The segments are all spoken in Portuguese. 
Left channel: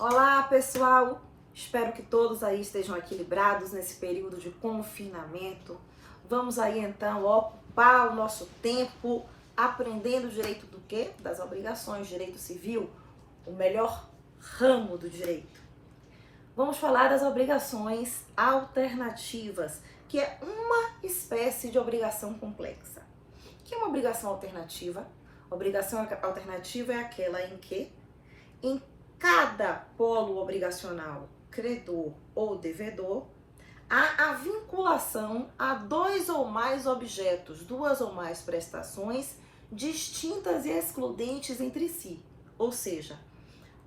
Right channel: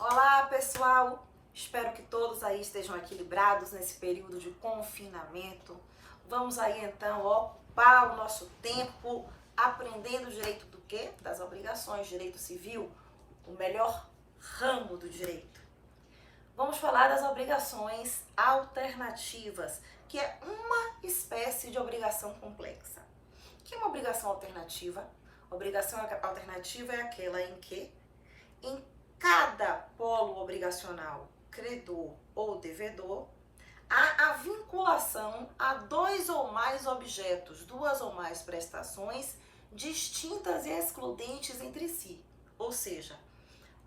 Olá, pessoal! Espero que todos aí estejam equilibrados nesse período de confinamento. Vamos aí então ocupar o nosso tempo aprendendo direito do quê? Das obrigações, direito civil, o melhor ramo do direito. Vamos falar das obrigações alternativas, que é uma espécie de obrigação complexa. O que é uma obrigação alternativa? Obrigação alternativa é aquela em que, em cada polo obrigacional, credor ou devedor, há a vinculação a dois ou mais objetos, duas ou mais prestações distintas e excludentes entre si. Ou seja,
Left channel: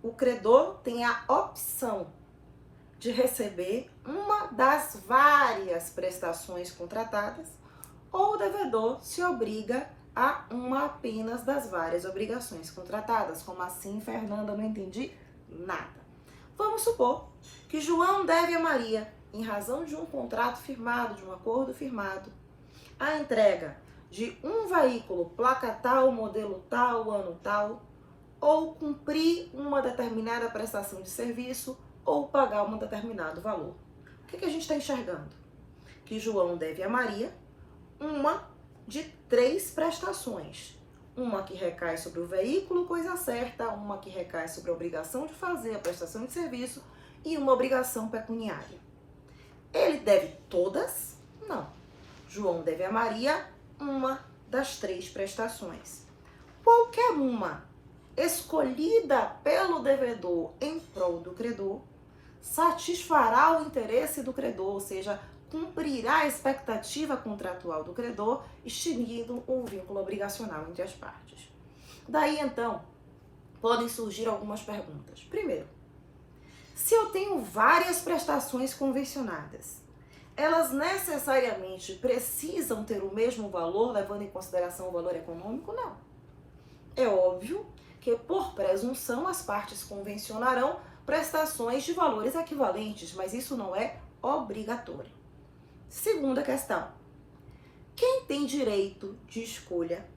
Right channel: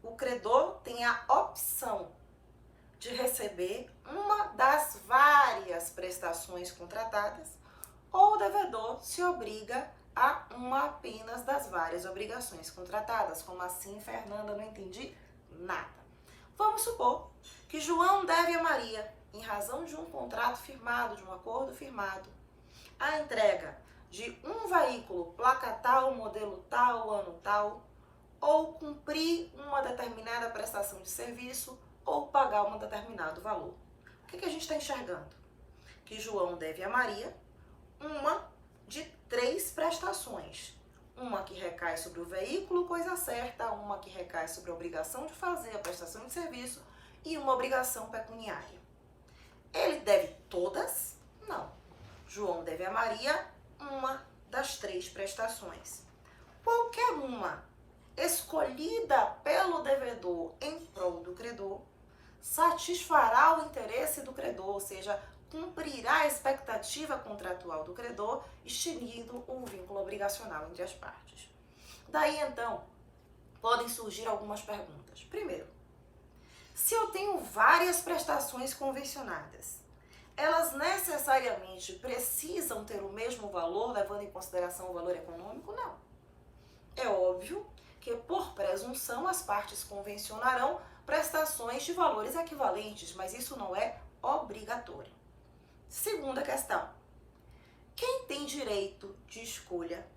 o credor tem a opção de receber uma das várias prestações contratadas, ou o devedor se obriga a uma apenas das várias obrigações contratadas. Como assim, Fernanda? Não entendi nada. Vamos supor que João deve a Maria, em razão de um contrato firmado, de um acordo firmado, a entrega de um veículo, placa tal, modelo tal, ano tal, ou cumprir uma determinada prestação de serviço, ou pagar um determinado valor. O que a gente está enxergando? Que João deve a Maria uma de 3 prestações. Uma que recai sobre o veículo, coisa certa, uma que recai sobre a obrigação de fazer a prestação de serviço e uma obrigação pecuniária. Ele deve todas? Não. João deve a Maria uma das 3 prestações. Qualquer uma escolhida pelo devedor em prol do credor satisfará o interesse do credor, ou seja, cumprirá a expectativa contratual do credor, extinguindo o vínculo obrigacional entre as partes. Daí, então, podem surgir algumas perguntas. Primeiro, se eu tenho várias prestações convencionadas, elas necessariamente precisam ter o mesmo valor, levando em consideração o valor econômico? Não. É óbvio que, por presunção, as partes convencionarão prestações de valores equivalentes, mas isso não é obrigatório. Segunda questão. Quem tem direito de escolha?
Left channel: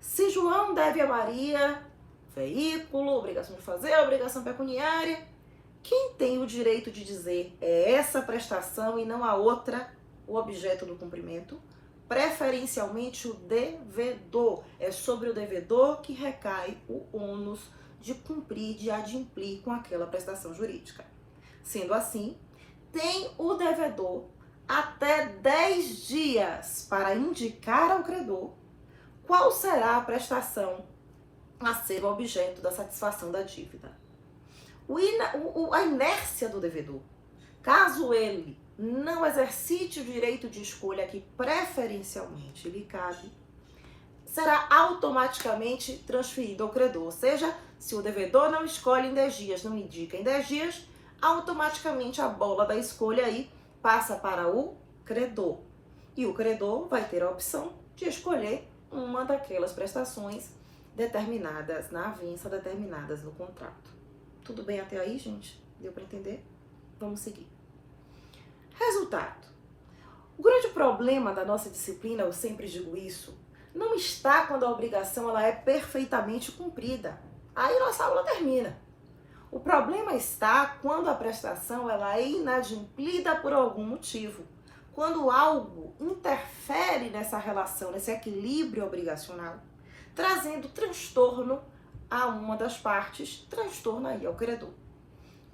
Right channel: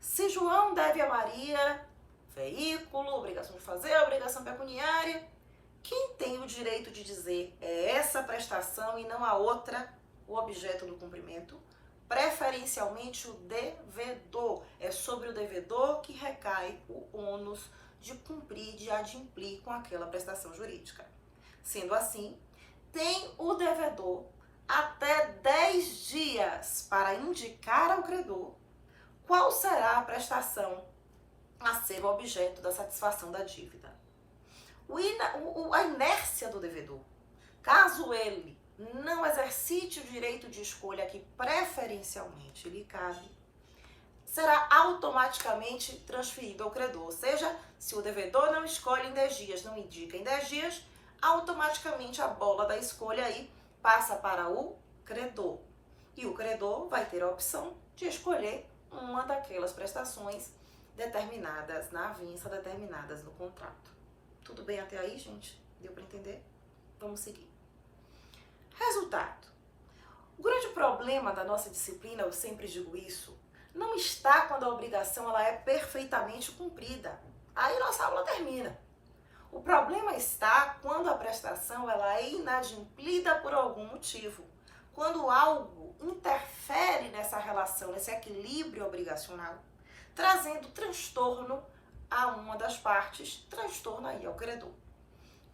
Se João deve a Maria veículo, obrigação de fazer, obrigação pecuniária, quem tem o direito de dizer é essa prestação e não a outra o objeto do cumprimento? Preferencialmente o devedor. É sobre o devedor que recai o ônus de cumprir, de adimplir com aquela prestação jurídica. Sendo assim, tem o devedor até 10 dias para indicar ao credor qual será a prestação a ser o objeto da satisfação da dívida. A inércia do devedor, caso ele não exercite o direito de escolha que preferencialmente lhe cabe, será automaticamente transferido ao credor. Ou seja, se o devedor não escolhe em 10 dias, não indica em 10 dias, automaticamente a bola da escolha aí passa para o credor. E o credor vai ter a opção de escolher uma daquelas prestações determinadas na avença, determinadas no contrato. Tudo bem até aí, gente? Deu para entender? Vamos seguir. Resultado. O grande problema da nossa disciplina, eu sempre digo isso, não está quando a obrigação ela é perfeitamente cumprida. Aí nossa aula termina. O problema está quando a prestação ela é inadimplida por algum motivo. Quando algo interfere nessa relação, nesse equilíbrio obrigacional, trazendo transtorno a uma das partes, transtorno aí ao credor.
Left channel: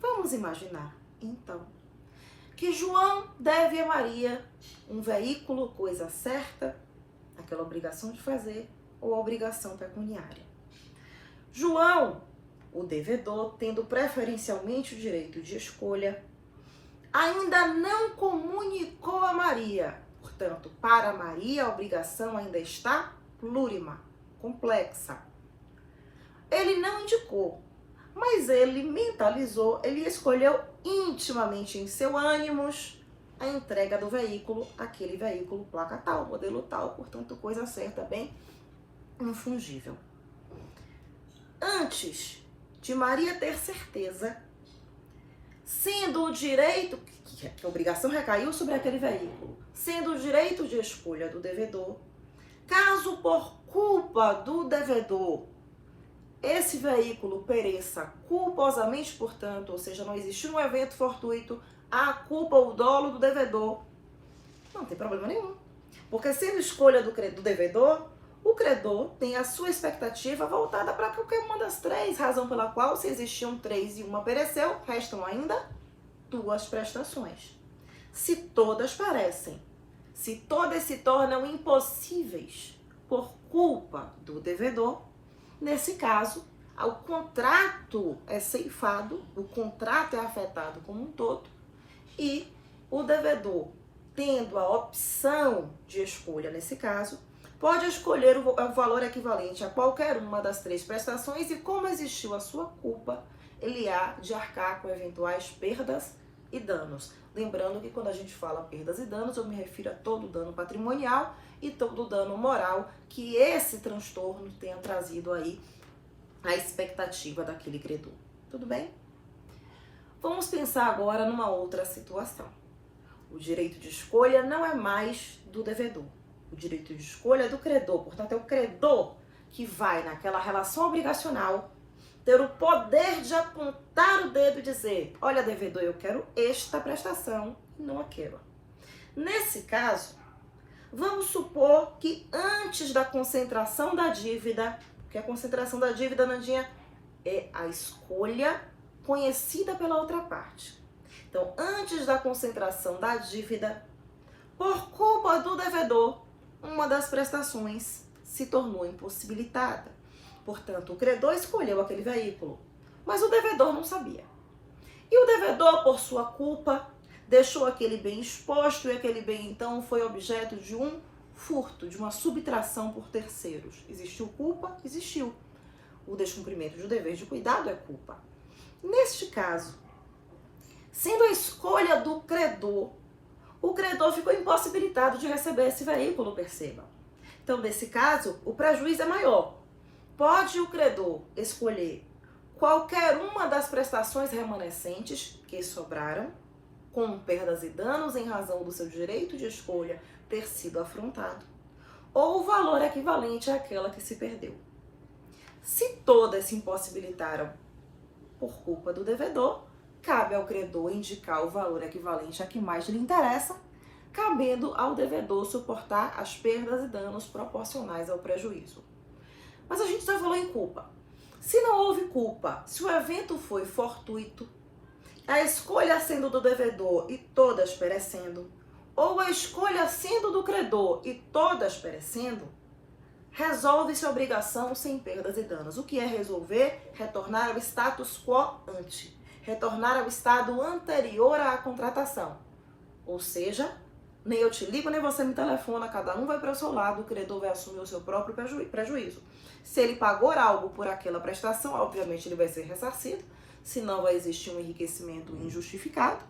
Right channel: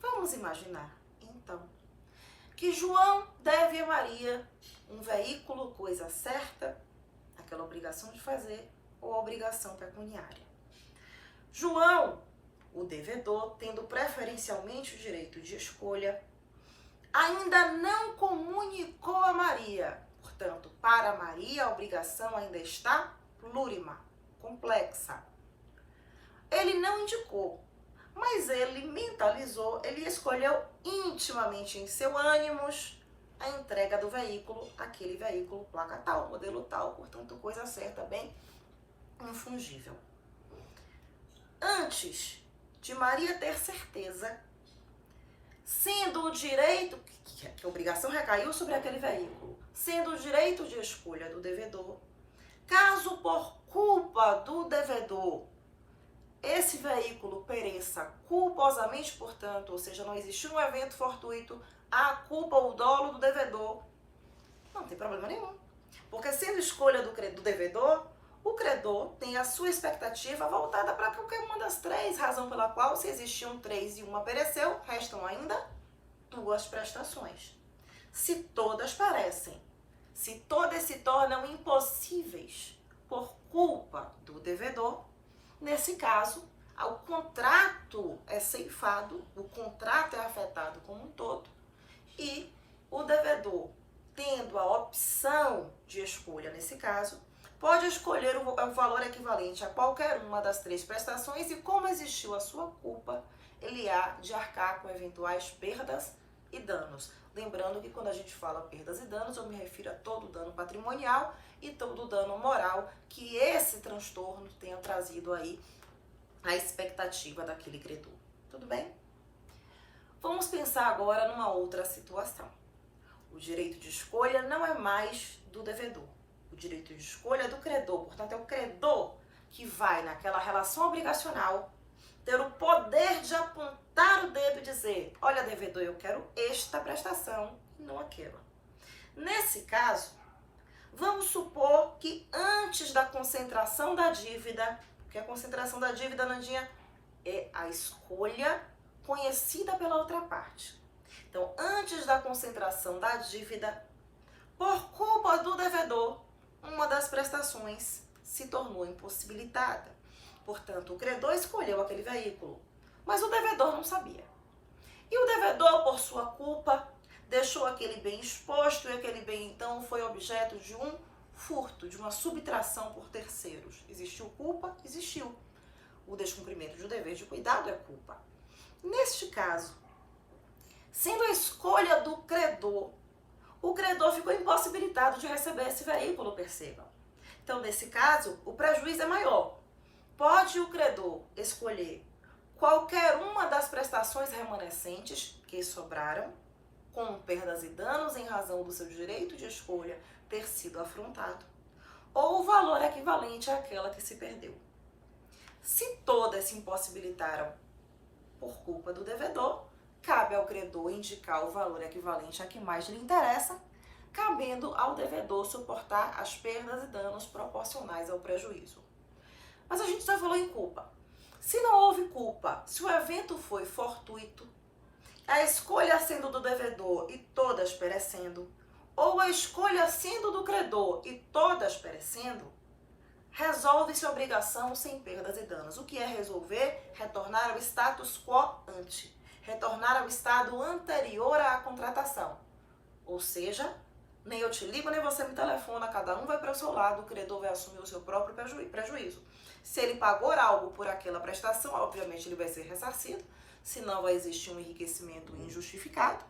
Vamos imaginar, então, que João deve a Maria um veículo, coisa certa, aquela obrigação de fazer, ou a obrigação pecuniária. João, o devedor, tendo preferencialmente o direito de escolha, ainda não comunicou a Maria. Portanto, para Maria, a obrigação ainda está plurima, complexa. Ele não indicou, mas ele mentalizou, ele escolheu intimamente em seu ânimos a entrega do veículo, aquele veículo, placa tal, modelo tal, portanto, coisa certa, bem infungível. Antes de Maria ter certeza, sendo o direito, que a obrigação recaiu sobre aquele veículo, sendo o direito de escolha do devedor, caso por culpa do devedor esse veículo pereça culposamente, portanto, ou seja, não existiu um evento fortuito, a culpa ou o dolo do devedor, não tem problema nenhum. Porque sendo escolha do devedor, o credor tem a sua expectativa voltada para qualquer uma das três, razão pela qual, se existiam três e uma pereceu, restam ainda duas prestações. Se todas perecem, se todas se tornam impossíveis por culpa do devedor, nesse caso, o contrato é ceifado, o contrato é afetado como um todo e o devedor, tendo a opção de escolha nesse caso, pode escolher o valor equivalente a qualquer uma das três prestações e, como existiu a sua culpa, ele há de arcar com eventuais perdas e danos. Lembrando que quando a gente fala perdas e danos, eu me refiro a todo dano patrimonial e todo dano moral que esse transtorno tenha trazido aí a expectativa daquele credor. Tudo bem? Vamos pensar agora numa outra situação. O direito de escolha não é mais do devedor. O direito de escolha é do credor. Portanto, é o credor que vai, naquela relação obrigacional, ter o poder de apontar o dedo e dizer: olha, devedor, eu quero esta prestação e não aquela. Nesse caso, vamos supor que antes da concentração da dívida, porque a concentração da dívida, Nandinha, é a escolha conhecida pela outra parte. Então, antes da concentração da dívida, por culpa do devedor, uma das prestações se tornou impossibilitada. Portanto, o credor escolheu aquele veículo, mas o devedor não sabia. E o devedor, por sua culpa, deixou aquele bem exposto e aquele bem, então, foi objeto de um furto, de uma subtração por terceiros. Existiu culpa? Existiu. O descumprimento de um dever de cuidado é culpa. Neste caso, sendo a escolha do credor, o credor ficou impossibilitado de receber esse veículo, perceba. Então, nesse caso, o prejuízo é maior. Pode o credor escolher qualquer uma das prestações remanescentes que sobraram, com perdas e danos em razão do seu direito de escolha ter sido afrontado, ou o valor equivalente àquela que se perdeu. Se todas se impossibilitaram por culpa do devedor, cabe ao credor indicar o valor equivalente a que mais lhe interessa, cabendo ao devedor suportar as perdas e danos proporcionais ao prejuízo. Mas a gente já falou em culpa. Se não houve culpa, se o evento foi fortuito, a escolha sendo do devedor e todas perecendo, ou a escolha sendo do credor e todas perecendo, resolve-se a obrigação sem perdas e danos. O que é resolver? Retornar ao status quo ante. Retornar ao estado anterior à contratação. Ou seja, nem eu te ligo, nem você me telefona, cada um vai para o seu lado, o credor vai assumir o seu próprio prejuízo. Se ele pagou algo por aquela prestação, obviamente ele vai ser ressarcido, senão vai existir um enriquecimento injustificado.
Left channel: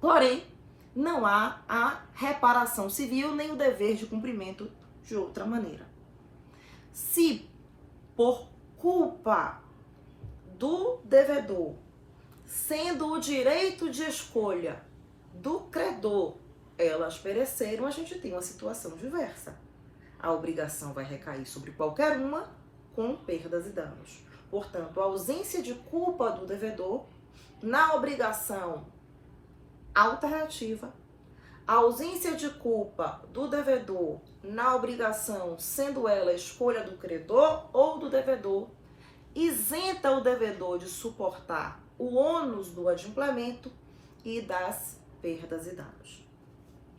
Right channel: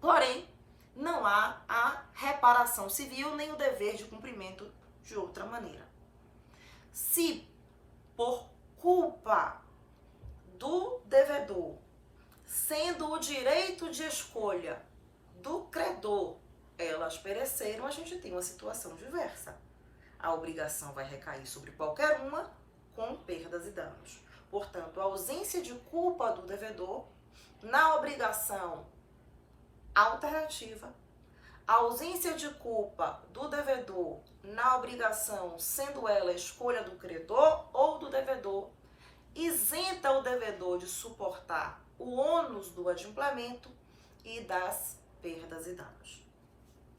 Porém, não há a reparação civil nem o dever de cumprimento de outra maneira. Se por culpa do devedor, sendo o direito de escolha do credor, elas pereceram, a gente tem uma situação diversa. A obrigação vai recair sobre qualquer uma com perdas e danos. Portanto, a ausência de culpa do devedor na obrigação alternativa, a ausência de culpa do devedor na obrigação, sendo ela a escolha do credor ou do devedor, isenta o devedor de suportar o ônus do adimplemento e das perdas e danos.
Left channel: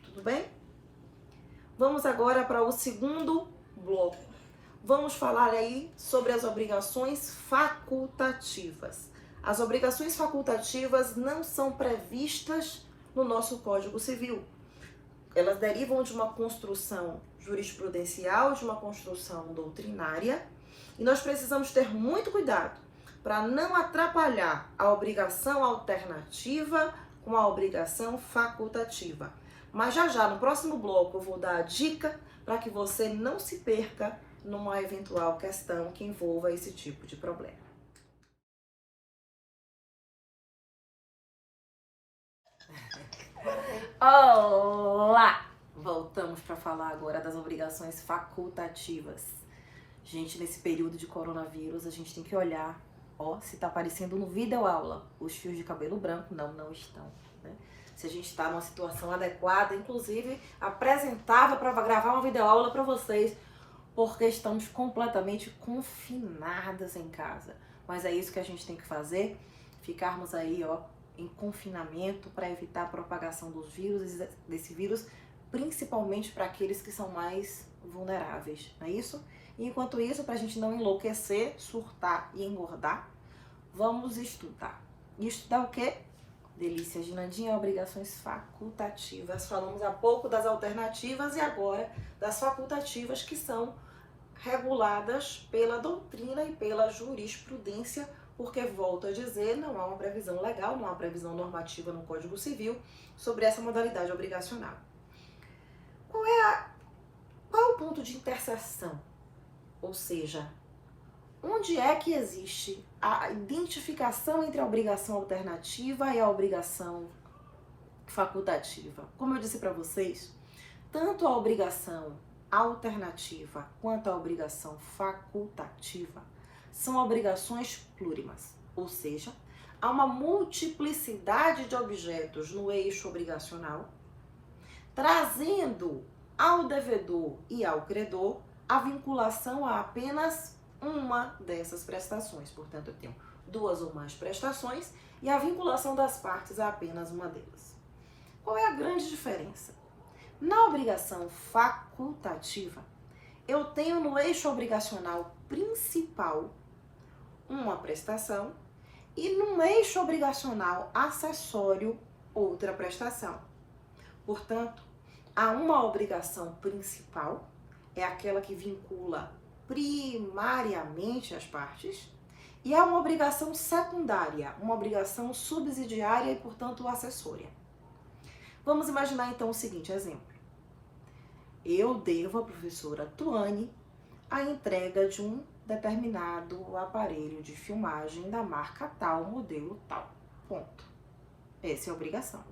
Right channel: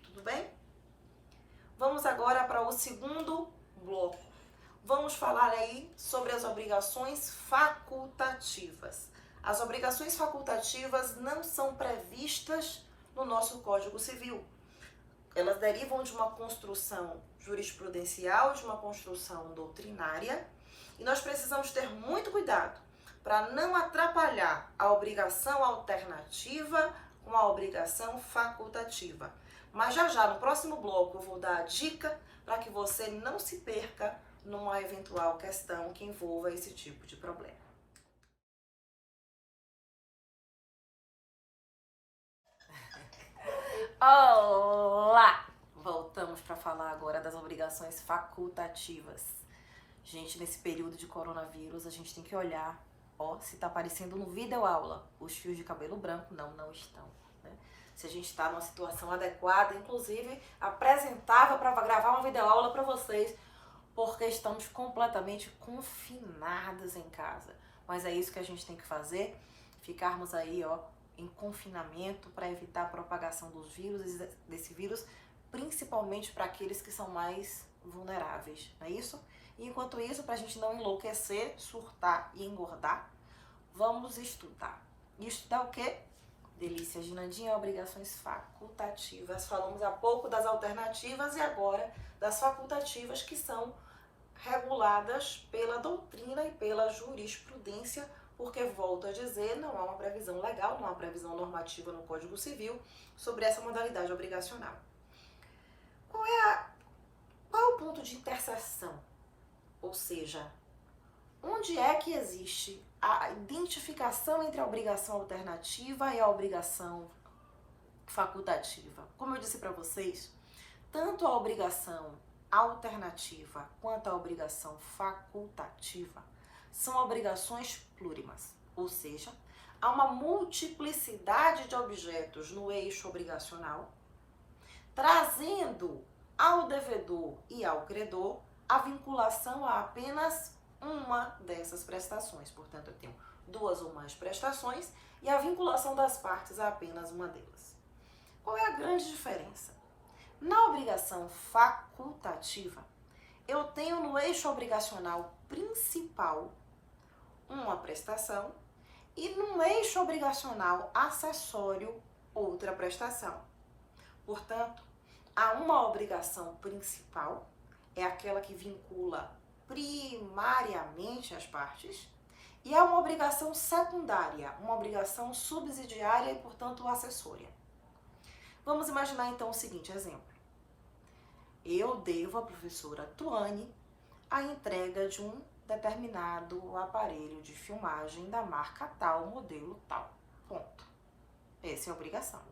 Tudo bem? Vamos agora para o segundo bloco. Vamos falar aí sobre as obrigações facultativas. As obrigações facultativas não são previstas no nosso Código Civil. Elas derivam de uma construção jurisprudencial, de uma construção doutrinária, e nós precisamos ter muito cuidado para não atrapalhar a obrigação alternativa com a obrigação facultativa. Mas já no próximo bloco eu vou dar a dica para que você não se perca numa eventual questão que envolva esse tipo de problema. Olá! Voltamos para falar agora das obrigações facultativas. Gente, nesse período de coronavírus, a gente tem que olhar, ó, se tá aparecendo no videoaula os fios de cabelo branco. Não, não estão, né? Se a gente está numa situação adequada, inclusive apresentava para gravar uma videoaula para vocês, porque estamos completamente confinadas em casa. Mas é isso que a gente tem que fazer, ficarmos aí, ó, em confinamento para evitar a propagação dos vírus, desse vírus, principalmente para aqueles que são mais vulneráveis, não é isso? E enquanto isso, para a gente não enlouquecer, surtar e engordar, vamos estudar. E estudar o quê? Delícia de Nandinha, obrigações facultativas. Falamos há pouco das alternativas e agora das facultativas, que são reguladas pela doutrina e pela jurisprudência, porque, volto a dizer, não há uma previsão legal, não há uma previsão normativa no Código Civil sobre essa modalidade obrigacional. Qual é o ponto de interseção? Ou seja, onde é que existe a identificação entre a obrigação alternativa e a obrigação facultativa? Como eu disse para vocês, tanto a obrigação alternativa quanto a obrigação facultativa são obrigações plurimas, ou seja, há uma multiplicidade de objetos no eixo obrigacional, trazendo ao devedor e ao credor a vinculação a apenas uma dessas prestações. Portanto, eu tenho duas ou mais prestações e a vinculação das partes a apenas uma delas. Qual é a grande diferença? Na obrigação facultativa, eu tenho no eixo obrigacional principal uma prestação e no eixo obrigacional acessório outra prestação. Portanto, há uma obrigação principal, é aquela que vincula primariamente as partes, e há uma obrigação secundária, uma obrigação subsidiária e, portanto, acessória. Vamos imaginar então o seguinte exemplo. Eu devo à professora Tuane a entrega de um determinado aparelho de filmagem da marca tal, modelo tal. Ponto. Essa é a obrigação.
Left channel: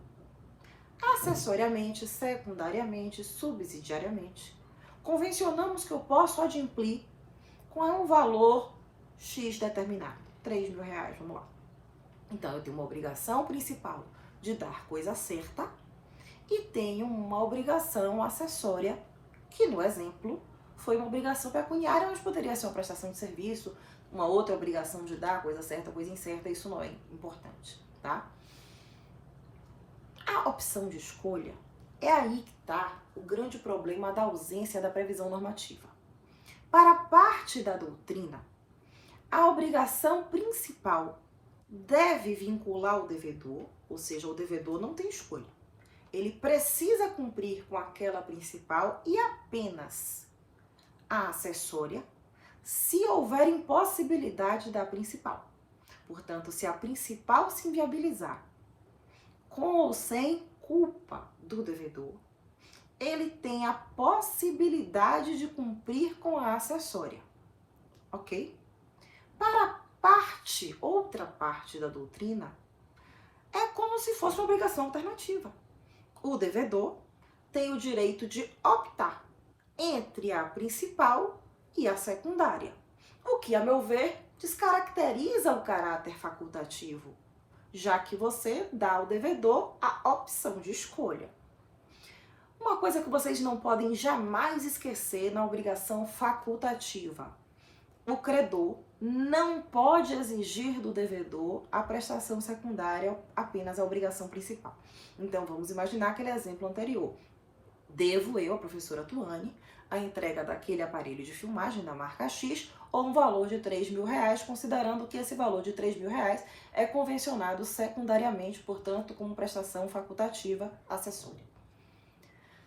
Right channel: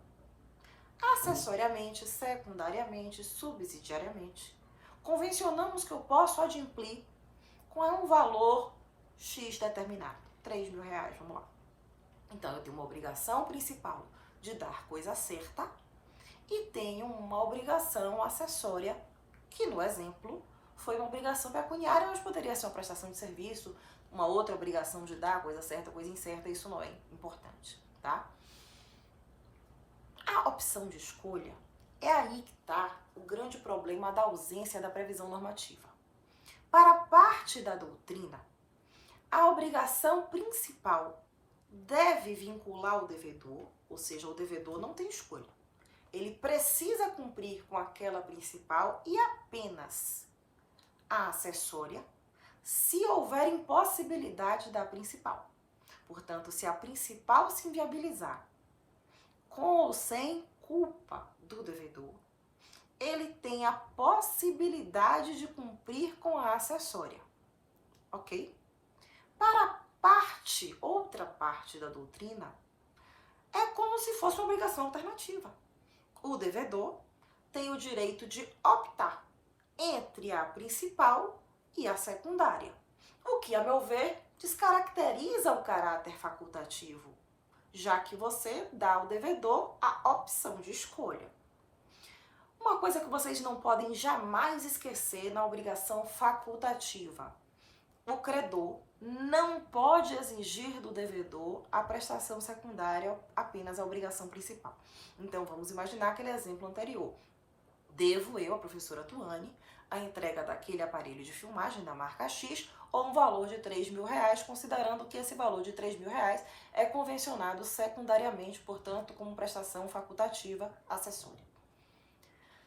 Acessoriamente, secundariamente, subsidiariamente, convencionamos que eu posso adimplir com um valor X determinado, R$3.000, vamos lá. Então, eu tenho uma obrigação principal de dar coisa certa e tenho uma obrigação acessória, que no exemplo foi uma obrigação pecuniária, mas poderia ser uma prestação de serviço, uma outra obrigação de dar coisa certa, coisa incerta, isso não é importante, tá? A opção de escolha é aí que está o grande problema da ausência da previsão normativa. Para parte da doutrina, a obrigação principal deve vincular o devedor, ou seja, o devedor não tem escolha. Ele precisa cumprir com aquela principal e apenas a acessória, se houver impossibilidade da principal. Portanto, se a principal se inviabilizar, com ou sem culpa do devedor, ele tem a possibilidade de cumprir com a acessória, ok? Para a parte, outra parte da doutrina, é como se fosse uma obrigação alternativa. O devedor tem o direito de optar entre a principal e a secundária, o que, a meu ver, descaracteriza o caráter facultativo, já que você dá ao devedor a opção de escolha. Uma coisa que vocês não podem jamais esquecer na obrigação facultativa: o credor não pode exigir do devedor a prestação secundária, apenas a obrigação principal. Então, vamos imaginar aquele exemplo anterior. Devo eu, a professora Tuane, a entrega daquele aparelho de filmagem da marca X, ou um valor de R$3.000, considerando que esse valor de R$3.000 é convencionado secundariamente, portanto, como prestação facultativa acessória.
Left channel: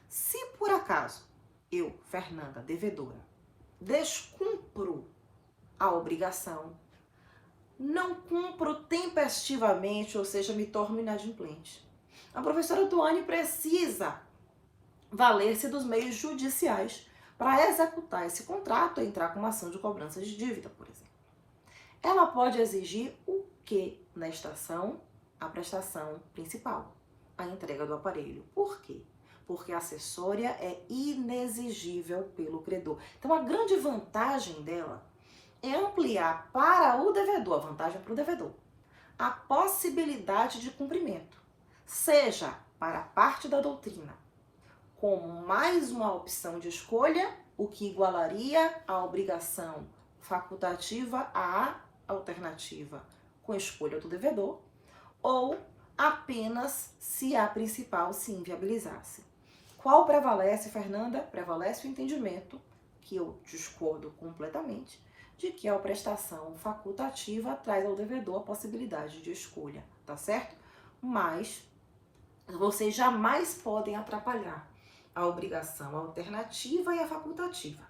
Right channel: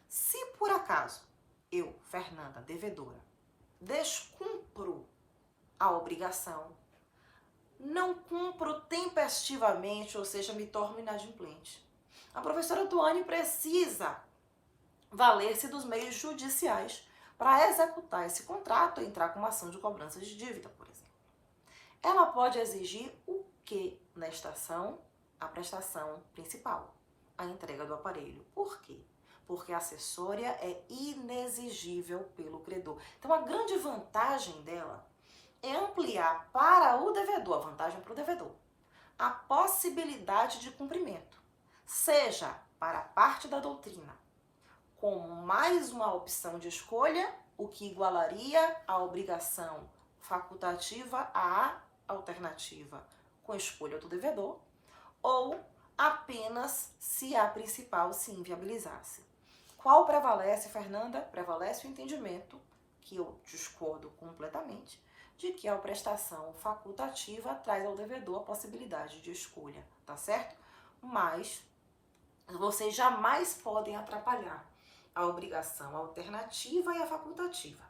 Se por acaso eu, Fernanda, devedora, descumpro a obrigação, não cumpro tempestivamente, ou seja, me torno inadimplente, a professora Tuane precisa valer-se dos meios judiciais para executar esse contrato e entrar com uma ação de cobrança de dívida, por exemplo. Ela pode exigir o que nesta ação? A prestação principal, a entrega do aparelho. Por quê? porque a acessória é inexigível pelo credor. Então, a grande vantagem dela é ampliar para o devedor, a vantagem para o devedor, a possibilidade de cumprimento, seja para a parte da doutrina, como mais uma opção de escolha, o que igualaria a obrigação facultativa à alternativa com escolha do devedor, ou apenas se a principal se inviabilizasse. Qual prevalece, Fernanda? Prevalece o entendimento, que eu discordo completamente, de que a prestação facultativa traz ao devedor a possibilidade de escolha, tá certo? Mas vocês jamais podem atrapalhar a obrigação alternativa e a facultativa.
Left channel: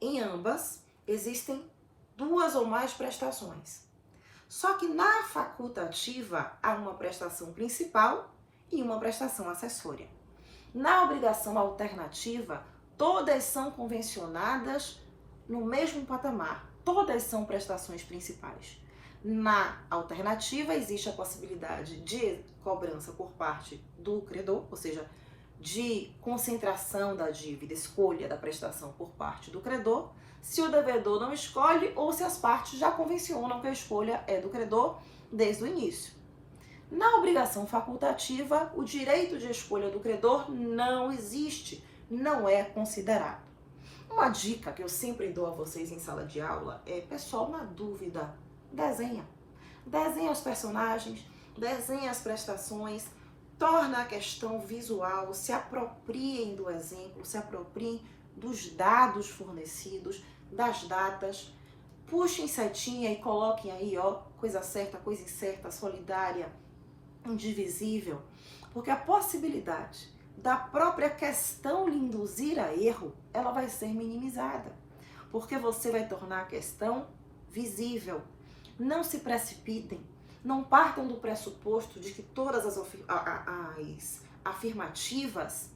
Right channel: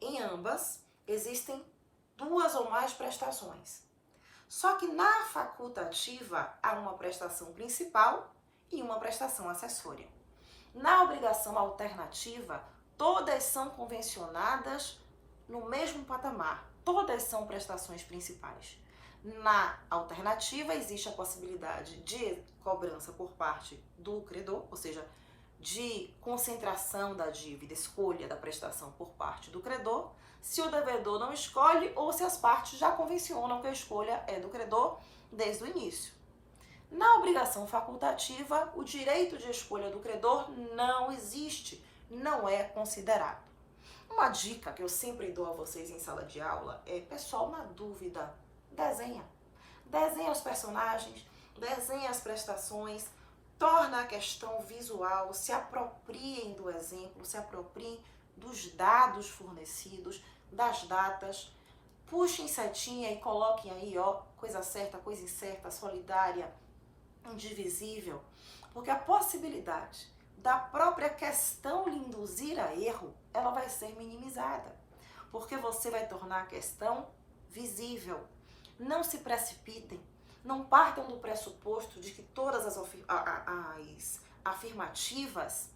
Em ambas, existem duas ou mais prestações. Só que na facultativa há uma prestação principal e uma prestação acessória. Na obrigação alternativa, todas são convencionadas no mesmo patamar, todas são prestações principais. Na alternativa, existe a possibilidade de cobrança por parte do credor, ou seja, de concentração da dívida, escolha da prestação por parte do credor, se o devedor não escolhe ou se as partes já convencionam que a escolha é do credor desde o início. Na obrigação facultativa, o direito de escolha do credor não existe, não é considerado. Uma dica que eu sempre dou a vocês em sala de aula é, pessoal, na dúvida, desenha. Desenha os personagens, desenha as prestações, torna a questão visual, se apropriem do exemplo, se apropriem dos dados fornecidos, das datas, puxem setinha e coloquem aí, ó, coisa certa, coisa incerta, solidária, indivisível, porque a possibilidade da própria questão lhe induzir a erro, ela vai ser minimizada, porque você vai tornar a questão visível. Não se precipitem, não partam do pressuposto de que todas as afirmativas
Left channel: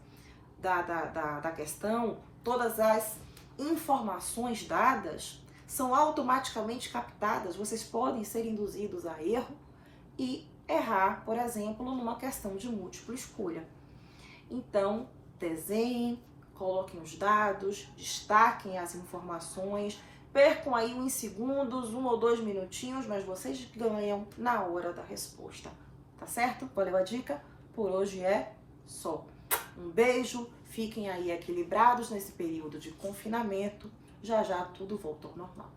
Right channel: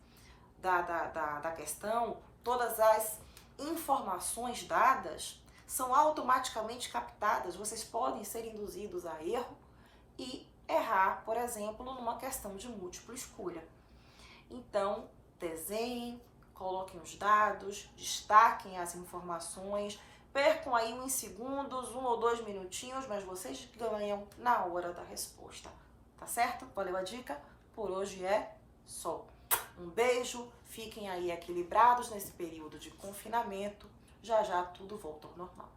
da questão, todas as informações dadas são automaticamente captadas. Vocês podem ser induzidos a erro e errar, por exemplo, numa questão de múltipla escolha. Então, desenhem, coloquem os dados, destaquem as informações, percam aí uns segundos, 1 ou 2 minutinhos, mas vocês ganham na hora da resposta, tá certo? Valeu a dica? Por hoje é só. Um beijo, fiquem aí equilibrados nesse período de confinamento, já já tudo volta ao normal.